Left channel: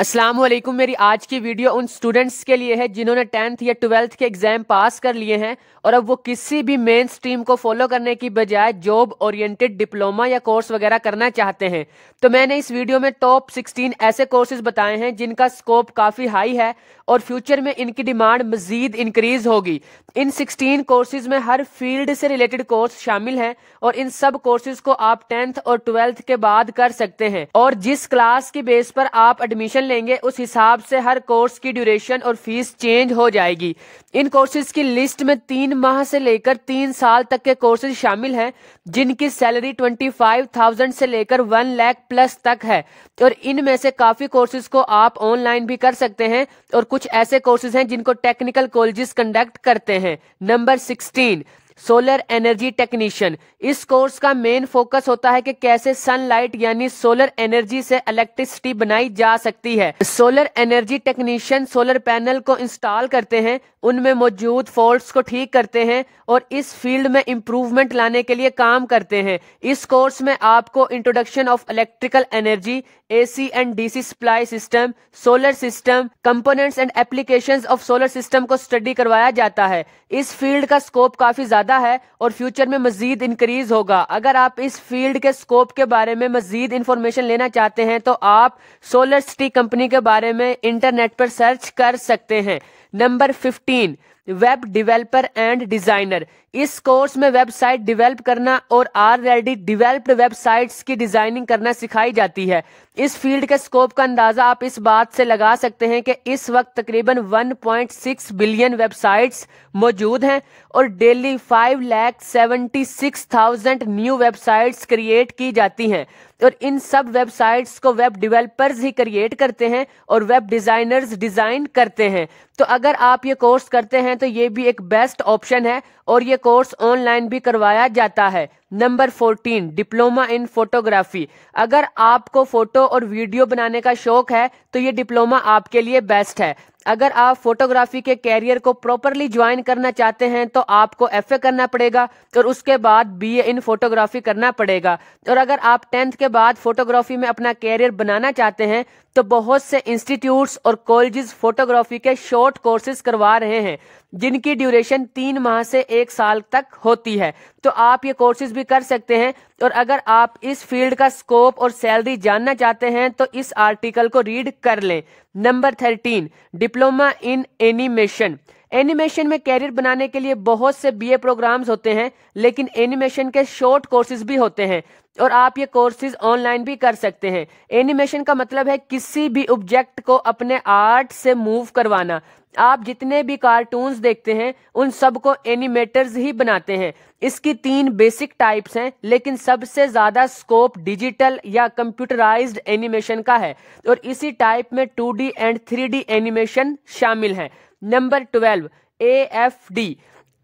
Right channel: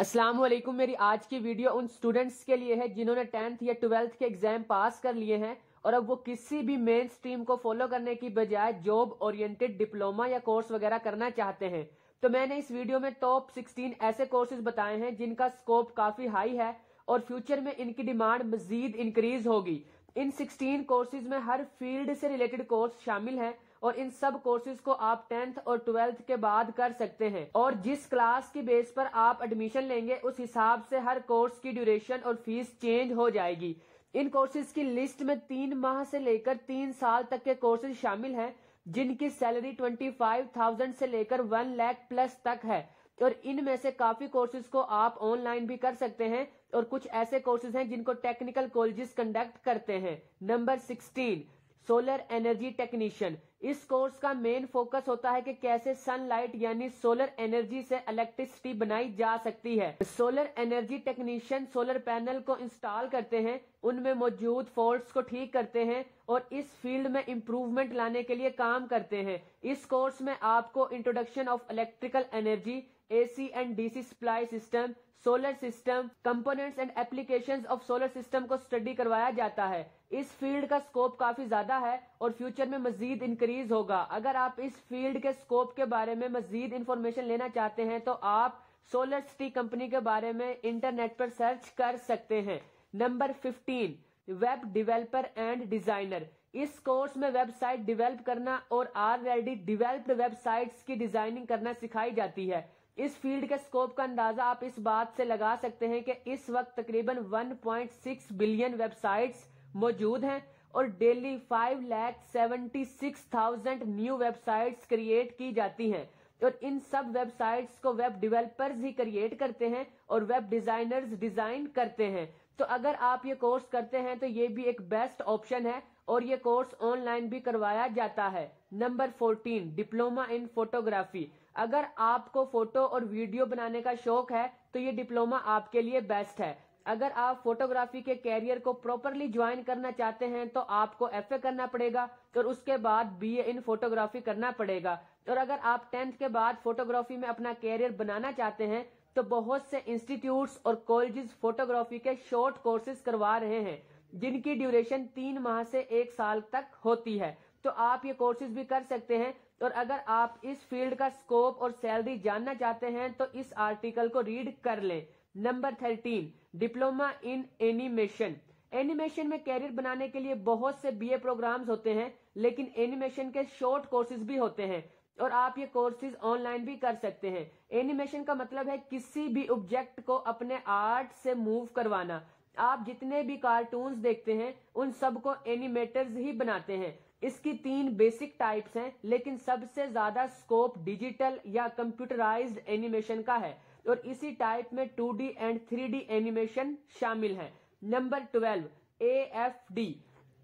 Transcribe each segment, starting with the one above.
अस्सलाम वालेकुम। मेरी आज की वीडियो उन स्टूडेंट्स के लिए है जिन्होंने 10th या 12th के एग्जाम पास कर लिए हैं और अब वो किसी भी मेन स्ट्रीम को फॉलो करने की बजाय जॉब ओरिएंटेड डिप्लोमा या कोर्स वगैरह करना चाहते हैं। तो मैंने इस वीडियो में टॉप 16 ऐसे कोर्सेज बताए हैं जिनका स्कोप काफ़ी हाई है और फ्यूचर में इनकी डिमांड मजीद इंक्रीज होगी। इन 16 कोर्सेज में हर फील्ड से रिलेटेड कोर्स शामिल हैं और इन सब कोर्सेज को आप 10th और 12th के बाद कर सकते हैं और जिस क्लास की बेस पर आप एडमिशन लेंगे उस हिसाब से हर कोर्स की ड्यूरेशन और फीस चेंज हो जाएगी। इन कोर्सेज की लिस्ट में 3 माह से लेकर 3 साल तक के कोर्सेज शामिल हैं जिनकी सैलरी 25,000 से लेकर 1 लाख प्लस तक है और इनमें से काफी कोर्सेज को आप ऑनलाइन भी कर सकते हैं और कुछ ऐसे कोर्सेज हैं जिनको टेक्निकल कॉलेजेस कंडक्ट करते हैं। Number 16, solar energy technician. इस कोर्स का मेन फोकस होता है कि कैसे सनलाइट यानी सोलर एनर्जी से इलेक्ट्रिसिटी बनाई जा सकती है। Solar energy technician solar panel को इंस्टॉल करते हैं, उनमें मौजूद फॉल्ट्स को ठीक करते हैं और इस फील्ड में इंप्रूवमेंट लाने के लिए काम करते हैं। इस कोर्स में आपको introduction of electrical energy, AC and DC supply system, solar system, components and applications of solar system को स्टडी करवाया जाता है। इस फील्ड का स्कोप काफी ज्यादा है और फ्यूचर में मजीद इंक्रीज होगा। अगर आप इस फील्ड के स्कोप के बारे में मजीद इंफॉर्मेशन लेना चाहते हैं तो आप सोलर सिटी कंपनी के बारे में इंटरनेट पर सर्च कर सकते हैं। Number 15, web developer and designer. इस कोर्स में वेबसाइट डेवलप करना और ऑलरेडी डेवलप्ड वेबसाइट्स की डिजाइनिंग करना सिखाई जाती है। इस फील्ड के स्कोप का अंदाजा आप इस बात से लगा सकते हैं कि इस वक्त तकरीबन 1.6 बिलियन वेबसाइट्स मौजूद हैं और डेली 5,76,000 न्यू वेबसाइट्स क्रिएट की जाती हैं और इन सब वेबसाइट्स को वेब डेवलपर्स ही क्रिएट करते हैं और वेब डिजाइनर्स डिजाइन करते हैं। तो अगर आप ये कोर्स करते हैं तो ये भी एक बेस्ट ऑप्शन है और ये कोर्स ऑनलाइन भी करवाया जाता है। Number 14, diploma in photography. अगर आपको फोटो और वीडियो बनाने का शौक है तो ये डिप्लोमा आपके लिए बेस्ट है। अगर आप फोटोग्राफी के कैरियर को प्रॉपरली ज्वाइन करना चाहते हैं तो आपको FA करना पड़ेगा और उसके बाद BA इन फोटोग्राफी करना पड़ेगा। और अगर आप 10th के बाद फोटोग्राफी में अपना कैरियर बनाना चाहते हैं तो बहुत से इंस्टीट्यूट्स और कॉलेजेस फोटोग्राफी के शॉर्ट कोर्सेज करवा रहे हैं जिनकी ड्यूरेशन 3 माह से 1 साल तक होती है। तो आप ये कोर्सेज भी कर सकते हैं और अगर आप इस फील्ड का स्कोप और सैलरी जानना चाहते हैं तो इस आर्टिकल को रीड कर लें। Number 13, diploma in animation. Animation में कैरियर बनाने के लिए बहुत से BA प्रोग्राम्स होते हैं लेकिन एनिमेशन के शॉर्ट कोर्सेज भी होते हैं और आप ये कोर्सेज ऑनलाइन भी कर सकते हैं। एनिमेशन का मतलब है किसी भी ऑब्जेक्ट को अपने आर्ट से मूव करवाना। आप जितने भी कार्टून्स देखते हैं उन सब को एनिमेटर्स ही बनाते हैं। इसकी 3 बेसिक टाइप्स हैं लेकिन सबसे ज्यादा स्कोप डिजिटल या कंप्यूटराइज्ड एनिमेशन का है और इसी टाइप में 2D एंड 3D एनिमेशन शामिल है। Number 12, AFD।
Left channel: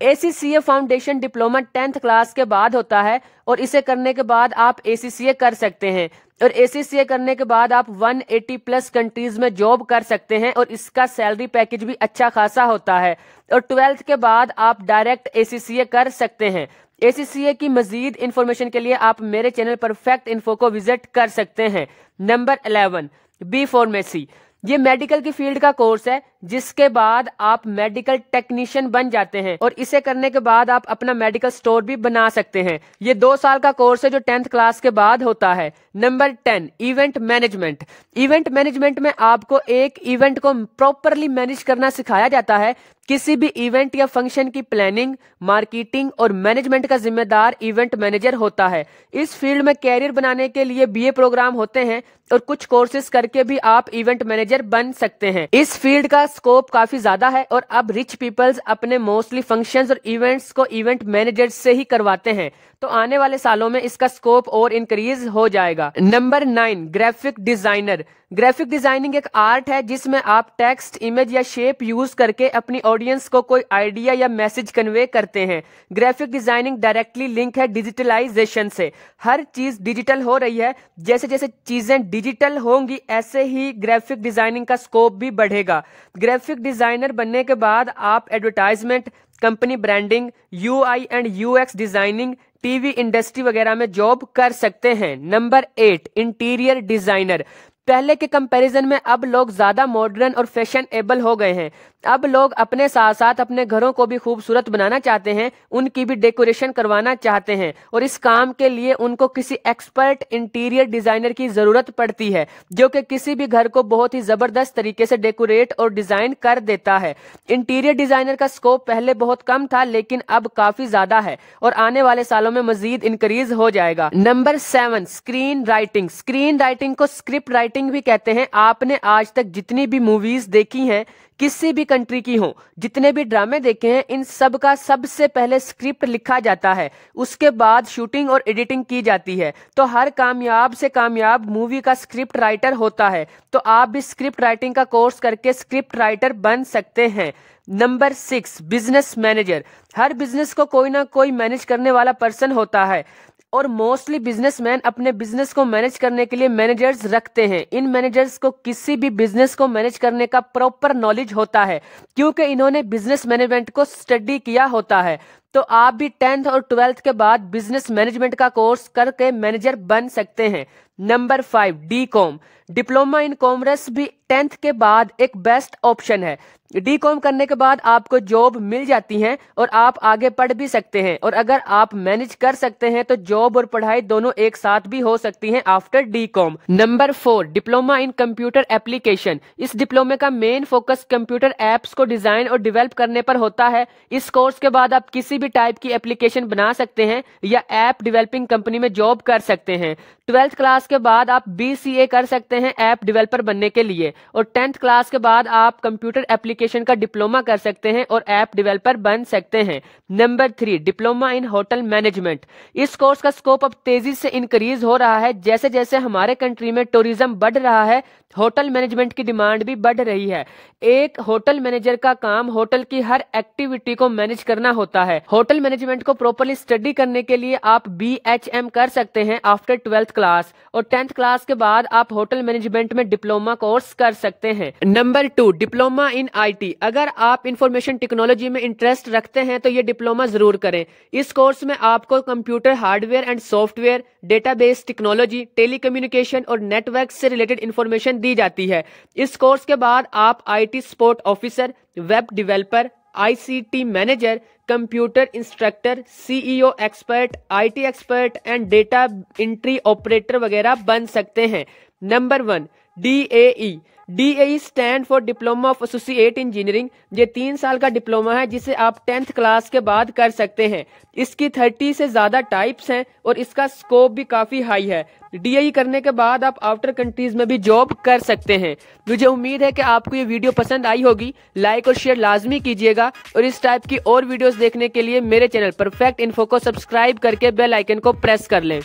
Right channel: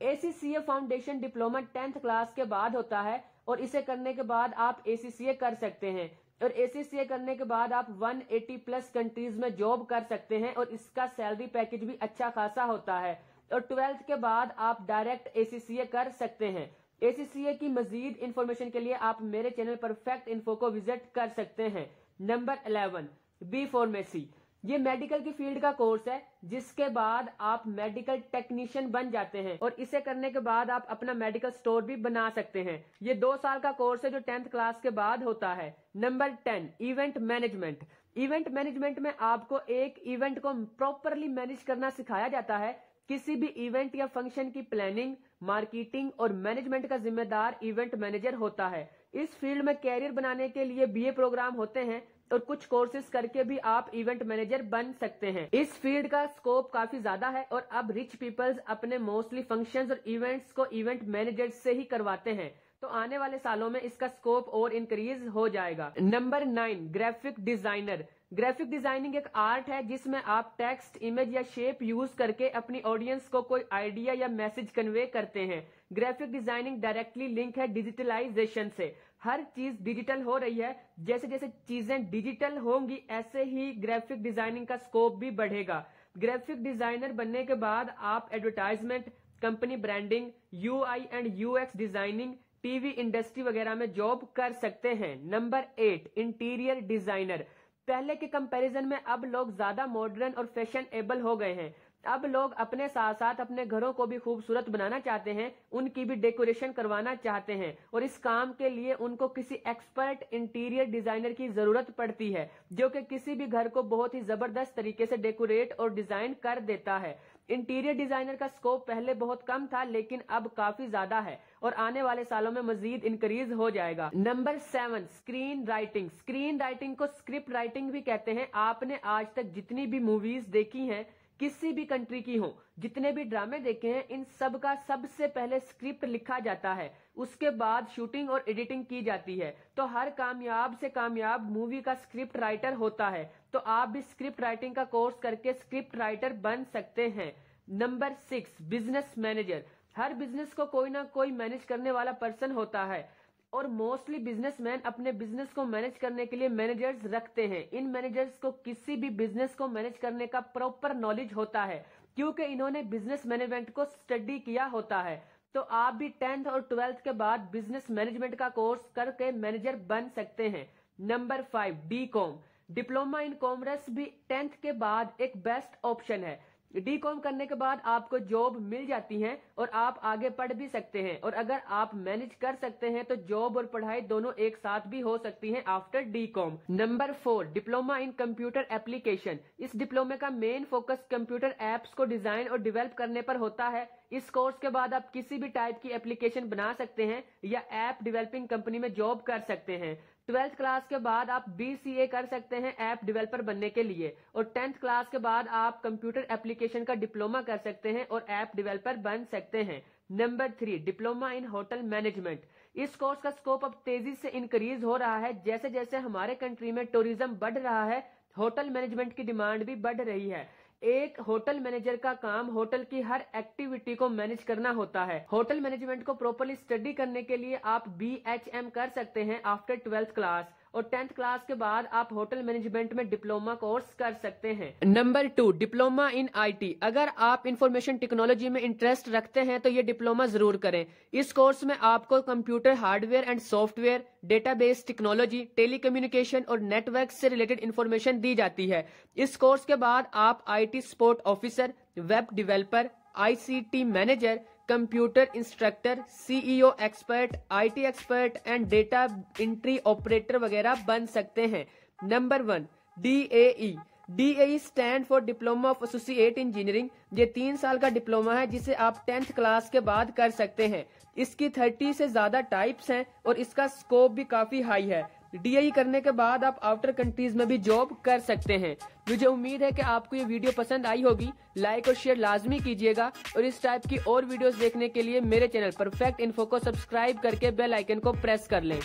ACCA foundation diploma 10th class के बाद होता है और इसे करने के बाद आप ACCA कर सकते हैं और ACCA करने के बाद आप 180 प्लस कंट्रीज में जॉब कर सकते हैं और इसका सैलरी पैकेज भी अच्छा खासा होता है और 12th के बाद आप डायरेक्ट ACCA कर सकते हैं। ACCA की मजीद इंफॉर्मेशन के लिए आप मेरे चैनल परफेक्ट इन्फो को विजिट कर सकते हैं। Number 11, B pharmacy. ये मेडिकल की फील्ड का कोर्स है जिसके बाद आप मेडिकल टेक्नीशियन बन जाते हैं और इसे करने के बाद आप अपना मेडिकल स्टोर भी बना सकते हैं। ये 2 साल का कोर्स है जो 10th क्लास के बाद होता है। Number 10, event management. Event management में आपको एक इवेंट को प्रॉपरली मैनेज करना सिखाया जाता है। किसी भी इवेंट या फंक्शन की प्लानिंग, मार्केटिंग और मैनेजमेंट का जिम्मेदार इवेंट मैनेजर होता है। इस फील्ड में कैरियर बनाने के लिए BA प्रोग्राम होते हैं और कुछ कोर्सेज करके भी आप इवेंट मैनेजर बन सकते हैं। इस फील्ड का स्कोप काफी ज्यादा है और अब रिच पीपल्स अपने मोस्टली फंक्शंस और इवेंट्स को इवेंट मैनेजर्स से ही करवाते हैं तो आने वाले सालों में इसका स्कोप और इंक्रीज हो जाएगा। Number 9, graphic designer. Graphic designing एक आर्ट है जिसमें आप टेक्स्ट, इमेज या शेप यूज करके अपनी ऑडियंस को कोई आइडिया या मैसेज कन्वे करते हैं। ग्राफिक डिजाइनिंग डायरेक्टली लिंक है डिजिटलाइजेशन से। हर चीज डिजिटल हो रही है, जैसे जैसे चीजें डिजिटल होंगी ऐसे ही ग्राफिक डिजाइनिंग का स्कोप भी बढ़ेगा। ग्राफिक डिजाइनर बनने के बाद आप advertisement, company branding, UI and UX designing, TV industry वगैरह में जॉब कर सकते हैं। Number 8, interior designer. पहले के कंपैरिजन में अब लोग ज्यादा मॉडर्न और फैशनेबल हो गए हैं। अब लोग अपने साथ साथ अपने घरों को भी खूबसूरत बनाना चाहते हैं, उनकी भी डेकोरेशन करवाना चाहते हैं, और इस काम के लिए उनको किसी एक्सपर्ट इंटीरियर डिजाइनर की जरूरत पड़ती है, जो कि किसी भी घर को बहुत ही जबरदस्त तरीके से डेकोरेट और डिजाइन कर देता है। इंटीरियर डिजाइनर का स्कोप पहले बहुत कम था, लेकिन अब काफी ज्यादा है और आने वाले सालों में मजीद इंक्रीज हो जाएगा। Number 7, screen writing. Screen writing को स्क्रिप्ट राइटिंग भी कहते हैं। आपने आज तक जितनी भी मूवीज देखी हैं, किसी भी कंट्री की हो, जितने भी ड्रामे देखे हैं, इन सब का सबसे पहले स्क्रिप्ट लिखा जाता है, उसके बाद शूटिंग और एडिटिंग की जाती है। तो हर कामयाब से कामयाब मूवी का स्क्रिप्ट राइटर होता है। तो आप भी स्क्रिप्ट राइटिंग का कोर्स करके स्क्रिप्ट राइटर बन सकते हैं। Number 6, business manager. हर बिजनेस को कोई ना कोई मैनेज करने वाला पर्सन होता है, और मोस्टली बिजनेसमैन अपने बिजनेस को मैनेज करने के लिए मैनेजर्स रखते हैं। इन मैनेजर्स को किसी भी बिजनेस को मैनेज करने का प्रॉपर नॉलेज होता है, क्योंकि इन्होंने बिजनेस मैनेजमेंट को स्टडी किया होता है। तो आप भी 10th और 12th के बाद बिजनेस मैनेजमेंट का कोर्स करके मैनेजर बन सकते हैं। Number 5, DCOM। Diploma in commerce भी 10th के बाद एक बेस्ट ऑप्शन है। DCOM करने के बाद आपको जॉब मिल जाती है और आप आगे पढ़ भी सकते हैं, और अगर आप मैनेज कर सकते हैं तो जॉब और पढ़ाई दोनों एक साथ भी हो सकती हैं after DCOM। Number 4, diploma in computer application. इस डिप्लोमे का मेन फोकस कंप्यूटर एप्स को डिजाइन और डेवलप करने पर होता है। इस कोर्स के बाद आप किसी भी टाइप की एप्लीकेशन बना सकते हैं या ऐप डेवलपिंग कंपनी में जॉब कर सकते हैं। 12th क्लास के बाद आप BCA कर सकते हैं ऐप डेवलपर बनने के लिए, और 10th क्लास के बाद आप कंप्यूटर एप्लीकेशन का डिप्लोमा कर सकते हैं और ऐप डेवलपर बन सकते हैं। Number 3, diploma in hotel management. इस कोर्स का स्कोप अब तेजी से इंक्रीज हो रहा है। जैसे जैसे हमारे कंट्री में टूरिज्म बढ़ रहा है, होटल मैनेजमेंट की डिमांड भी बढ़ रही है। एक होटल मैनेजर का काम होटल की हर एक्टिविटी को मैनेज करना होता है। होटल मैनेजमेंट को प्रॉपर्ली स्टडी करने के लिए आप BHM कर सकते हैं आफ्टर 12th क्लास, और 10th क्लास के बाद आप होटल मैनेजमेंट में डिप्लोमा कोर्स कर सकते हैं। Number 2, diploma in IT। अगर आप इंफॉर्मेशन टेक्नोलॉजी में इंटरेस्ट रखते हैं तो ये डिप्लोमा जरूर करें। इस कोर्स में आपको computer hardware and software, database technology, telecommunication और नेटवर्क से रिलेटेड इंफॉर्मेशन दी जाती है। इस कोर्स के बाद आप IT support officer, web developer, ICT manager, computer instructor, CEO expert, IT expert and data entry operator वगैरह बन सकते हैं। Number 1, DAE। DAE stand for diploma of associate engineering. ये 3 साल का डिप्लोमा है जिसे आप 10th क्लास के बाद कर सकते हैं। इसकी 30 से ज्यादा टाइप्स हैं और इसका स्कोप भी काफी हाई है। DAE करने के बाद आप आउटर कंट्रीज में भी जॉब कर सकते हैं। मुझे उम्मीद है कि आपको ये वीडियो पसंद आई होगी। लाइक और शेयर लाजमी कीजिएगा, और इस टाइप की और वीडियोस देखने के लिए मेरे चैनल परफेक्ट इन्फो को सब्सक्राइब करके बेल आइकन को प्रेस कर लें।